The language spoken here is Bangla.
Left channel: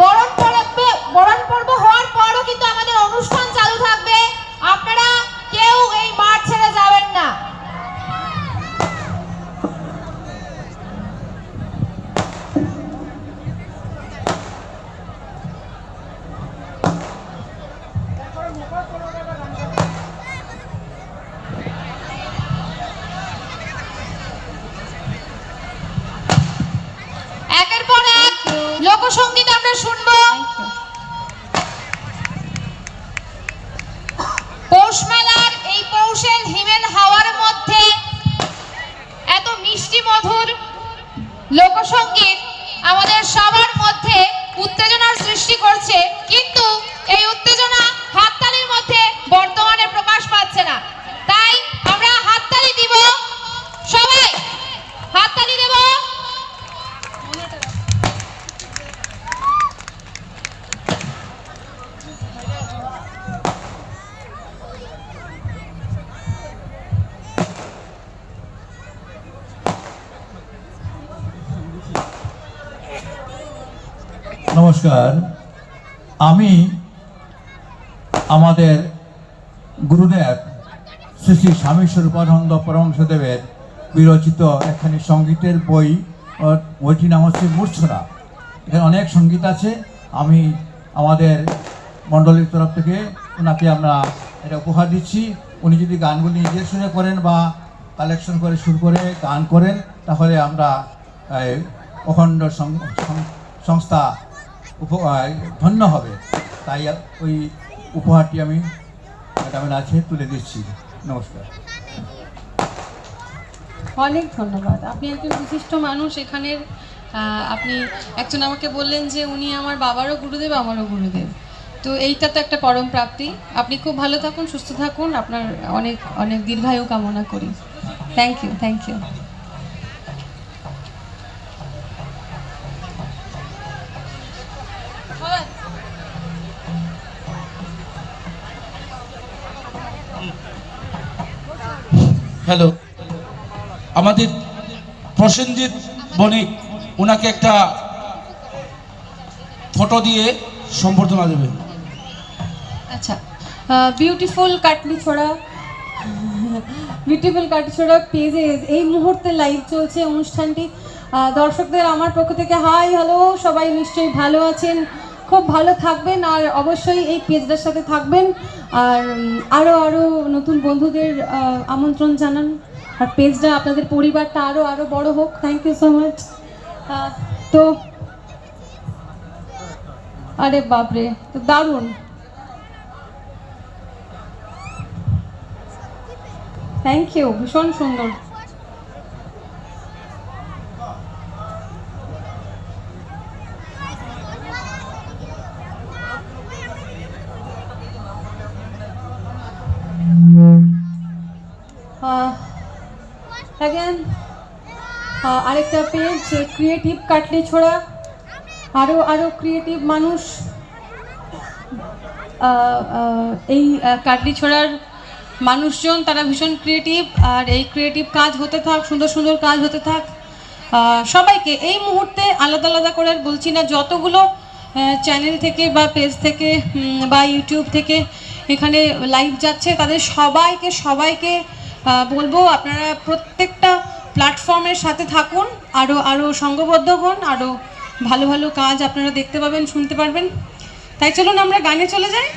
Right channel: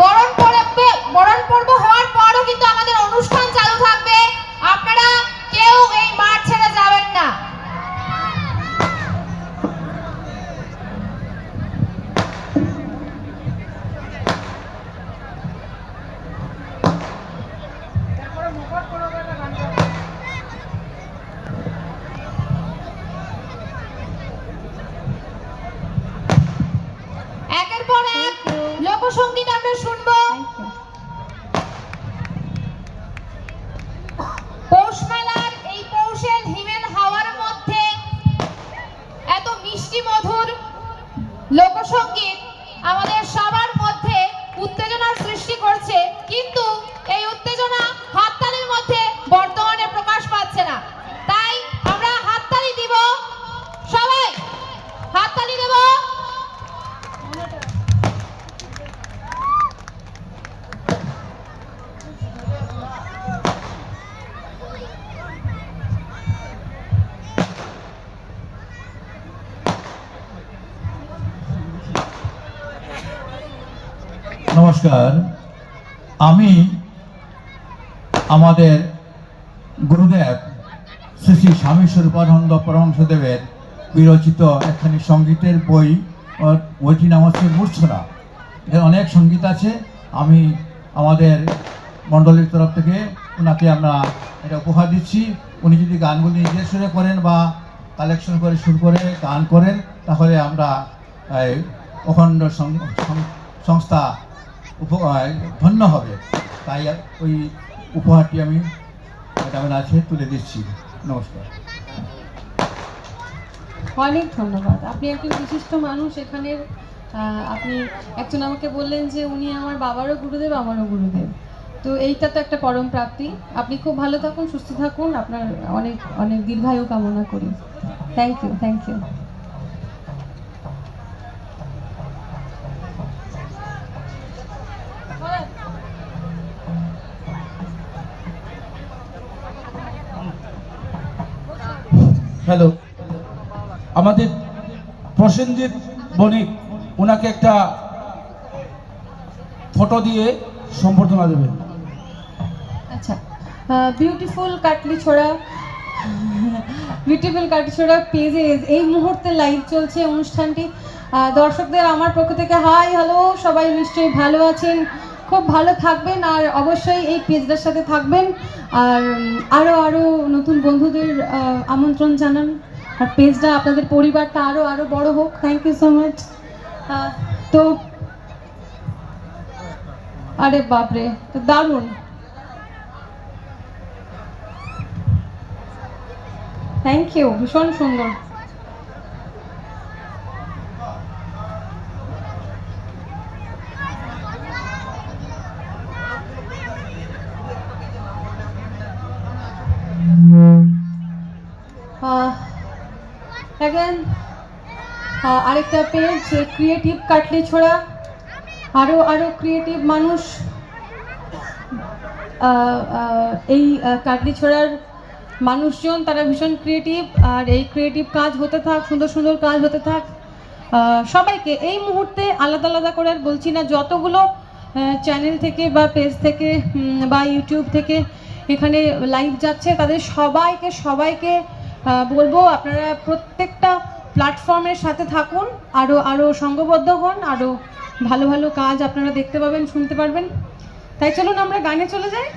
বরণ পর্ব হওয়ার পরও কিন্তু আমাদের অনুষ্ঠান চালু থাকবে, আপনারা কেউ এই মাঠ ছেড়ে যাবেন না। একের পর এক লোকসঙ্গীত আমরা শুনবো। পৌষ মেলার এই পৌষের হিমেল হাওয়ার মধ্যে এত মিষ্টি মধুর লোকসঙ্গীত আমাদের সবার মধ্যে উত্তেজনার সৃষ্টি করছে, কিন্তু এই উত্তেজনা হাততালির মধ্যে বর্তমানে প্রকাশ পাচ্ছে না। তাই আমরা হাততালি দিব, সবাই হাততালি দেব। নমস্কার, আমি আমাদের গুরুদেব শ্রী শ্রী স্বামী স্বরূপানন্দ পরমহংসদেবের বিরচিত একখানি সঙ্গীতের বইটির নাম হচ্ছে মূর্ছনা। এখানে অনেক সঙ্গীত আছে। আমি আমাদের মণ্ডলীর তরফ থেকে ওনাকে আমরা এটা উপহার দিচ্ছি। উনি যদি গানগুলি নিজে শুনে করেন বা কালেকশন করে সুর করে গান করেন, তাহলে আমরা অখণ্ড সংস্থা ধন্য হবে। তাই ওই উপহারটি আমি ম্যাডামের কাছে তুলে দিচ্ছি। নমস্কার। অনেক ধন্যবাদ। আপনি একজন বিশিষ্ট মানুষ এখানের। আপনি একজন আমাকে বললেন যে উনি আমার বাবারও গুরুদেব, আমারও গুরুদেব। তো এইটা তো একটা পরম প্রাপ্তি। আপনি খুব ভালো থাকুন, সুস্থ থাকুন, আপনার অনেক অনেক দীর্ঘায়ু কামনা করি। Thank you, thank you. Hello, আমাদের প্রসেনজিৎ বণিক ওনাকে একটা ফটো দিয়ে সম্বর্ধনা দেবে। আচ্ছা, বিউটিফুল কাটলিছড়া পেজে এই মুহূর্তে লাইভ চলছে অনুষ্ঠানটি। দর্শকদের আমার পক্ষ থেকে হাই হ্যালো, সবাই নিশ্চয়ই ভালো আছেন, খুব ভালো থাকবেন, আর অবশ্যই এই পেজটার সাথে থাকবেন। আর আরও নতুন বন্ধুদের আমন্ত্রণ জানান, আর পেজটা আপনাদের পরিবারটা আরও বড় হোক। Thank you so much. তো আরে বাপরে, তো দারুণ, থ্যাংক ইউ, ভীষণ সুন্দর। অ্যাগেন আরেকটা পেজ ক্রিয়েটিভ কাটলিছড়া, আরও ক্রিয়েটিভ মানুষ এই কাটলিছড়ার মানুষজন, তারা ভীষণ ক্রিয়েটিভ। আর এই ক্রিয়েটিভ কাজ হতে থাক, সুন্দর সুন্দর কাজ হতে থাক। সবাইকে এই মুহূর্তে আলাদা আলাদা করে আর বলছি না, যতগুলো চ্যানেল থেকে বা পেজ থেকে বা ইউটিউব থেকে এখানে লাইভ যাচ্ছে, তাদের সবাইকে বলবো আপনারা প্রত্যেকটা প্ল্যাটফর্মের সাথে থাকুন, আরও সঙ্গবদ্ধ হন, আরও ভালো ভালো কাজ আপনারা দেখতে পাবেন, শুনতে পারবেন। তাই চলুন আমরা গানে চলে যাই।